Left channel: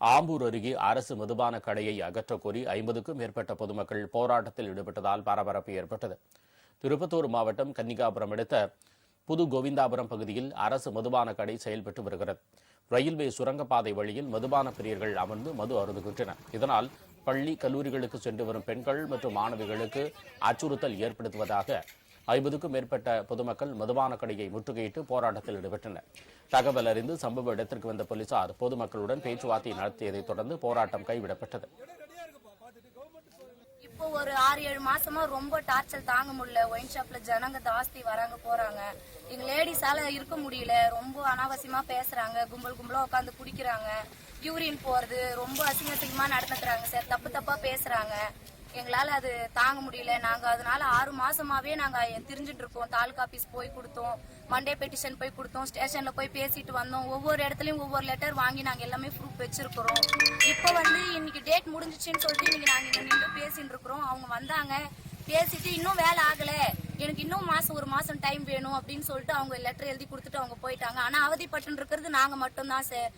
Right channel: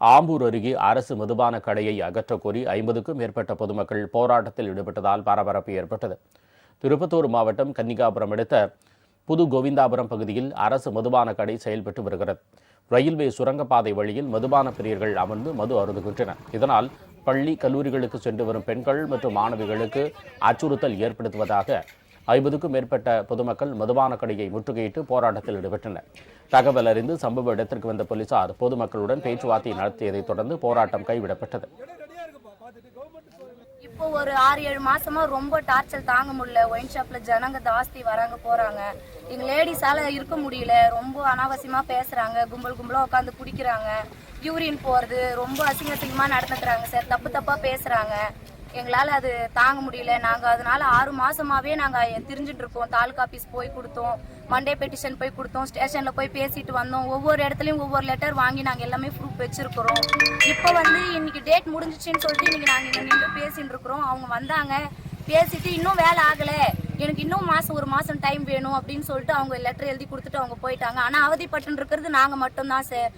ஆம்பூர் அருகே அரசு மதுபான கடையை அகற்றக்கோரி 50க்கும் மேற்பட்ட பொதுமக்கள் போராட்டத்தில் ஈடுபட்டதால் பரபரப்பு ஏற்பட்டது. திருப்பத்தூர் மாவட்டம் கன்னிகாபுரம் அடுத்த புது கோவிந்தாபுரம் பகுதியில் அரசு மதுபான கடை செயல்பட்டு வருகிறது. ரயில்வே சுரங்கப்பாதை வழியில் மதுபான பிரியர்கள் அமர்ந்து மது அருந்துகின்றனர். இதனால் பள்ளி கல்லூரிகளுக்கு சென்று வரும் பெண்கள் மற்றும் மாணவிகளுக்கு அச்சுறுத்தல் ஏற்படுத்துவதாக 50க்கும் மேற்பட்ட பொதுமக்கள் மதுபான கடையை முற்றுகையிட்டு போராட்டத்தில் ஈடுபட்டனர். தகவல் அறிந்து சம்பவ இடத்திற்கு வந்த போலீசார் பொதுமக்களுடன் பேச்சுவார்த்தை நடத்தியதைத் தொடர்ந்து போராட்டம் கைவிடப்பட்டது. இப்போ ஒரு 6-7 மாசமா ரொம்ப டார்ச்சர் தாங்க முடியல. ஒயின் ஷாப்ல ஜனங்க ஜாஸ்தி வராங்க போறாங்க. எங்க லேடிஸால இருக்க முடியல. ரொம்ப அனாவசியமா பேசுறாங்க. கும்பலா உட்காந்து குடிக்கிறாங்க. யூரின் போறது ரொம்ப அசிங்கமா நடந்துக்கிறாங்க சார். தப்பா பேசுறாங்க. எங்களால அது தாங்க முடியல. நாங்க அதனால 6 மாசமாவே நாங்க திரிஞ்சிட்டு இருக்கோம். தாலுகா ஆபீஸ் போய் கொடுத்தோம், மண்டே பெட்டிஷன் போய் கொடுத்தோம், ஸ்டேஷன்ல போய் பேசிட்டு வந்தோம். ஒவ்வொரு இடத்துலயும் ஒவ்வொரு லெட்டர் வாங்கி நாங்க எல்லாமே ப்ரூஃப் வச்சிருக்கிறோம். இப்ப இன்னைக்கு டேட் முடிஞ்சிச்சுன்னு சொல்லிட்டு இன்னைக்கு நாங்க இங்க நின்று பேசிட்டு இருக்கிறோம். அவங்க வந்தாங்க, பேசிட்டு இன்னும் வேலை ஆகல, எனக்கு இன்னும் ஒரு மாசம் டைம் வேணும் அப்படின்னு சொல்லிட்டு அவங்க லெட்டர் எழுதி கொடுத்துட்டு அவங்க போயிட்டாங்க. ஆனா அவதிப்பட்டு இருக்கிறது நாங்க மட்டும்தான் சார்.